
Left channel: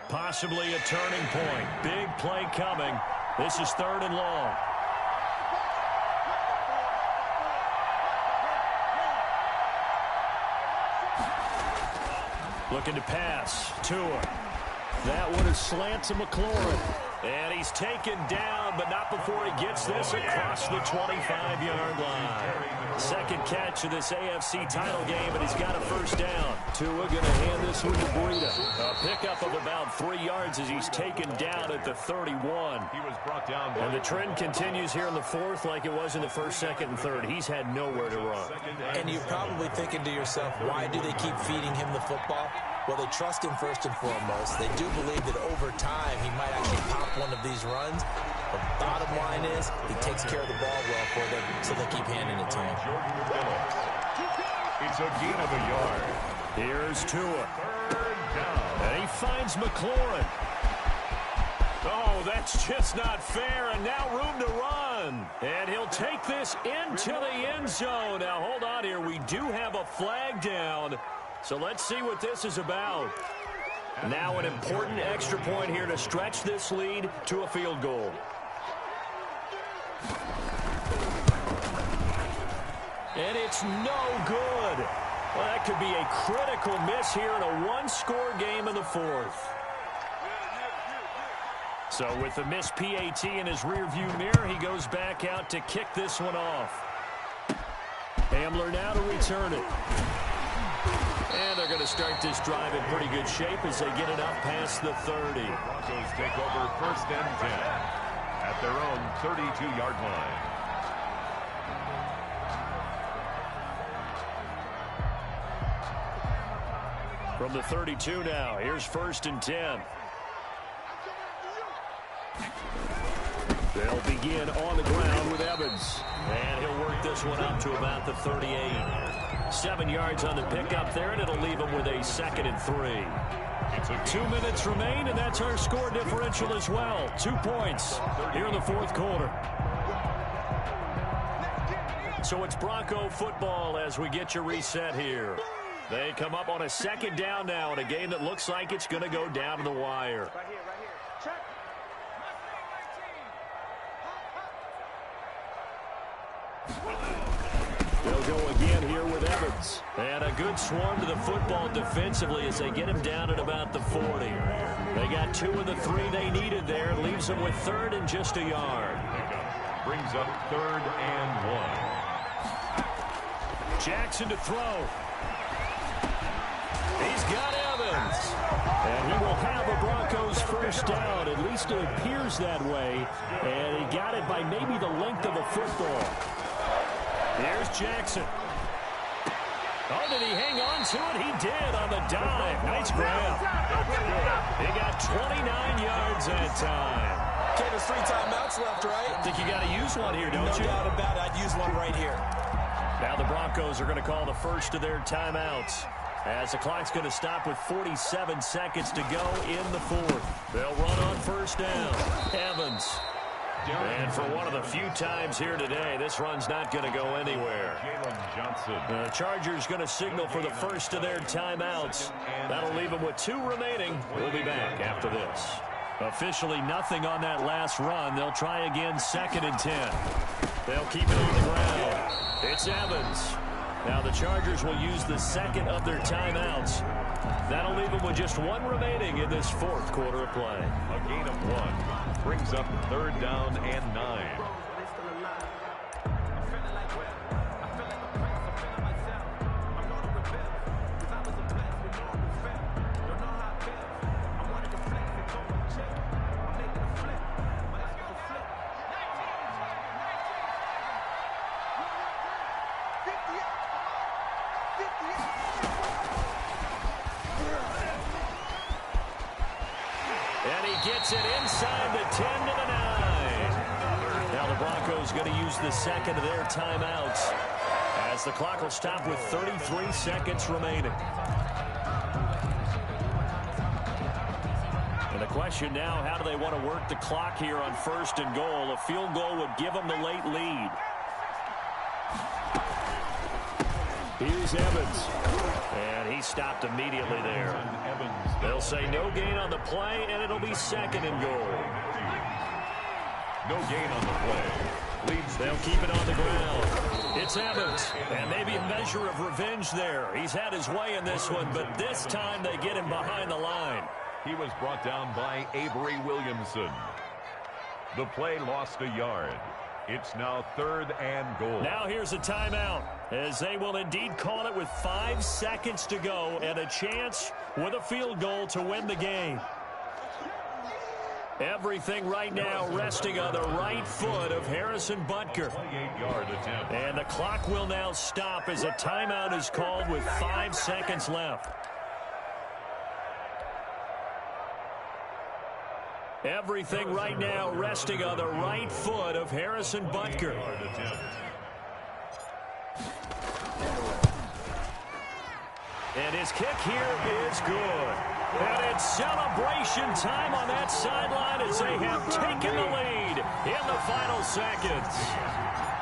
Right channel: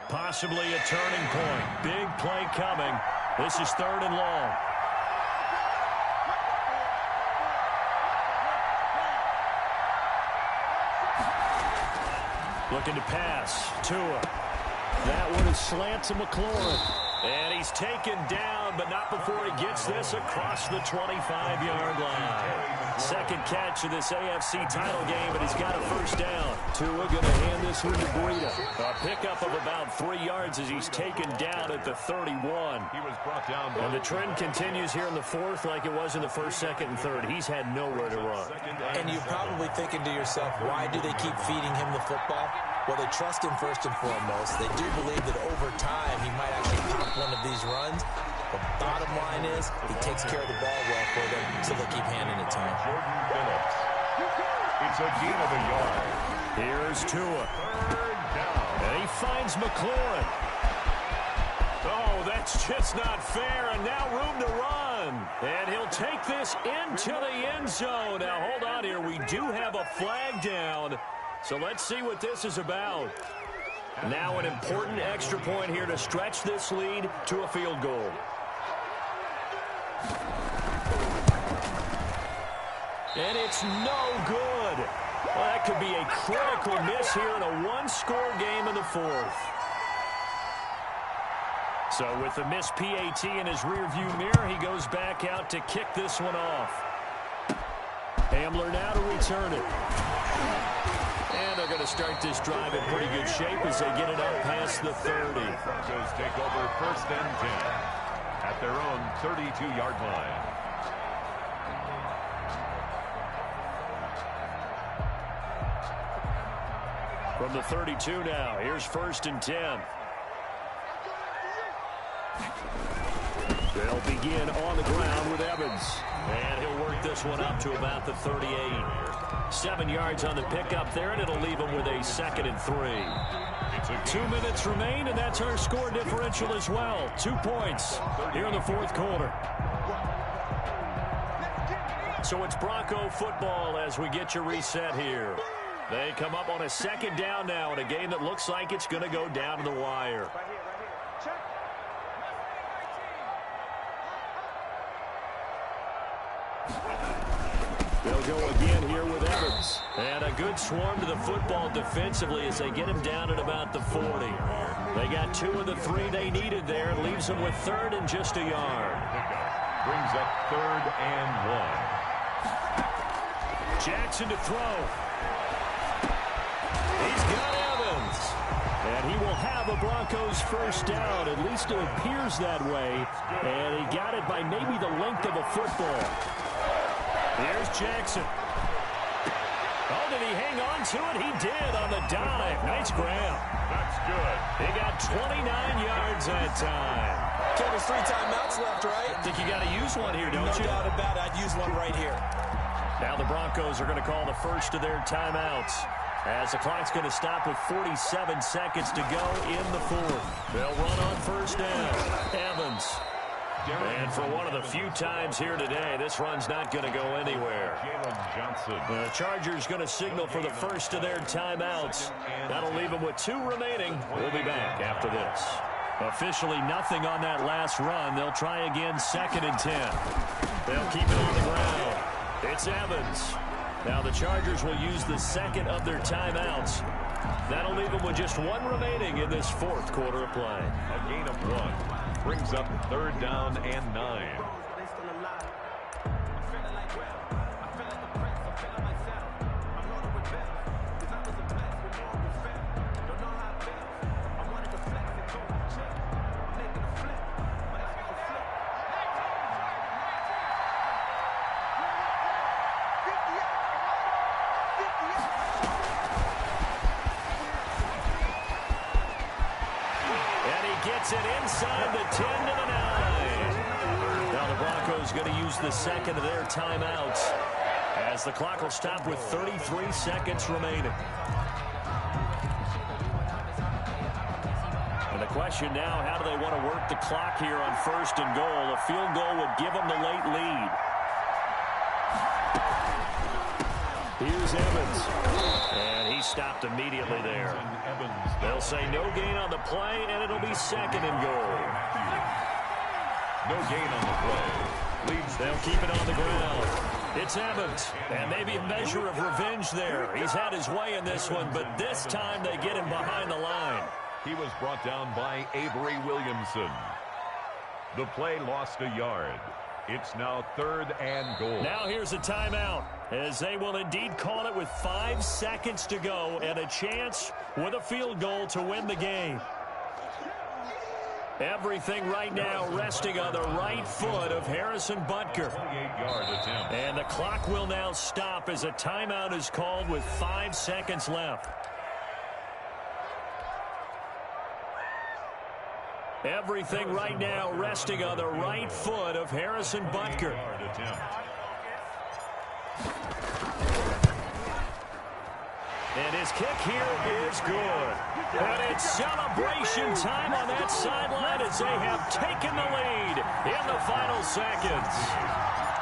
Possibly a turning point. Big play coming. This is 3rd and long. Looking to pass. Tua. That one is slant to McLaurin. And he's taken down, but not before he gets this across the 25-yard line. 2nd catch of this AFC title game, but he's got a 1st down. Tua going to hand this one to Breida. A pickup of about 3 yards as he's taken down at the 31. He was brought down. And the trend continues here in the 4th like it was in the 1st, 2nd, and 3rd. He's had nowhere to run. And you're probably thinking to yourself, why do they keep feeding him the football? Well, they trust him first and foremost. They do believe that over time he might actually pop one of these runs. But bottom line is he takes care of the ball well for them, so they'll keep handing it to him. Jordan Phillips. It's a gain of a yard. Here's Tua. 3rd down. And he finds McLaurin. Oh, that's just not fair, and now room to run. And he'll take this into the end zone. Now, hold on here. We do have a flag down. So let's see what this is about. Now an important extra point here to stretch this lead to a field goal. And it's no good. Well, that could be a critical miss here in a one-score game in the 4th. So with the missed PAT in his rearview mirror, he goes back out to kick this one off. Hamler now to return it. And they're going to start this drive in pretty good shape as they get it up past the 30. Broncos take over 1st and 10 at their own 32-yard line. From the 32 now, here's 1st and 10. They'll begin on the ground with Evans. And he'll work this one up to about the 38. 7 yards on the pickup there, and it'll leave him with a 2nd and 3. 2 minutes remain, and that's our score differential as well. 2 points here in the 4th quarter. So it's Bronco football as we get you reset here. They come up on a 2nd down now in a game that looks like it's going to go down to the wire. Right here. Check. They'll go again here with Evans. And a good swarm to the football defensively as they get him down at about the 40. They got 2 of the 3 they needed there. Leaves them with 3rd and just a yard. Pickup brings up 3rd and 1. Jackson to throw. He's got Evans. And he will have a Broncos 1st down. At least it appears that way. And he got it by maybe the length of a football. Here's Jackson. Oh, did he hang on to it? He did on the dive. Nice grab. That's good. He got 29 yards that time. Ken, there's 3 timeouts left, right? I think you got to use one here, don't you? No doubt about it. I'd use one right here. Now the Broncos are going to call the first of their timeouts, as the clock's going to stop with 47 seconds to go in the 4th. They'll run on 1st down. Evans. And for one of the few times here today, this run's not going to go anywhere. Jalen Johnson. The Chargers going to signal for the first of their timeouts. That'll leave them with 2 remaining. We'll be back after this. Officially nothing on that last run. They'll try again 2nd and 10. They'll keep it on the ground. It's Evans. Now the Chargers will use the 2nd of their timeouts. That'll leave them with just 1 remaining in this 4th quarter of play. A gain of 1 brings up 3rd down and 9. Gets it inside the 10 to the 9. Now the Broncos going to use the 2nd of their timeouts as the clock will stop with 33 seconds remaining. And the question now, how do they want to work the clock here on 1st and goal? A field goal would give them the late lead. Here's Evans. And he stopped immediately there. They'll say no gain on the play, and it'll be 2nd and goal. No gain on the play. Leads. They'll keep it on the ground. It's Evans. And maybe a measure of revenge there. He's had his way in this one, but this time they get him behind the line. He was brought down by Avery Williamson. The play lost a yard. It's now 3rd and goal. Now here's a timeout, as they will indeed call it with 5 seconds to go and a chance with a field goal to win the game. Everything right now resting on the right foot of Harrison Butker. 28-yard attempt. And the clock will now stop as a timeout is called with 5 seconds left. Everything right now resting on the right foot of Harrison Butker. And his kick here is good. And it's celebration time on that sideline as they have taken the lead in the final seconds.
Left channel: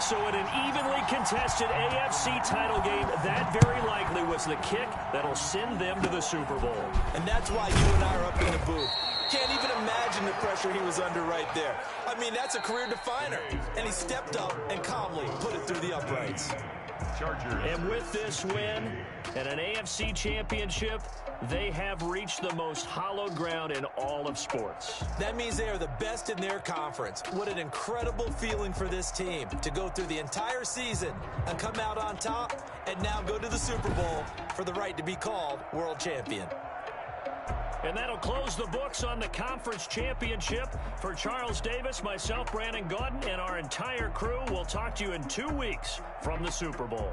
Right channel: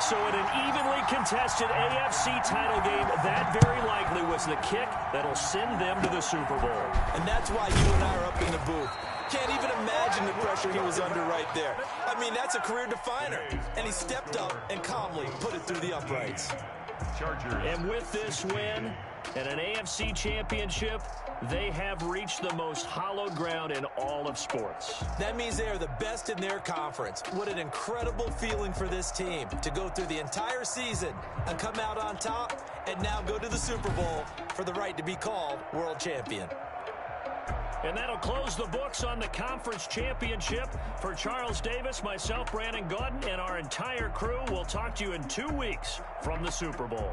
So in an evenly contested AFC title game, that very likely was the kick that'll send them to the Super Bowl. And that's why you and I are up in the booth. Can't even imagine the pressure he was under right there. I mean, that's a career definer. And he stepped up and calmly put it through the uprights. Chargers. And with this win and an AFC championship, they have reached the most hallowed ground in all of sports. That means they are the best in their conference. What an incredible feeling for this team to go through the entire season and come out on top and now go to the Super Bowl for the right to be called world champion. And that'll close the books on the conference championship. For Charles Davis, myself, Brandon Gaudin, and our entire crew, we'll talk to you in 2 weeks from the Super Bowl.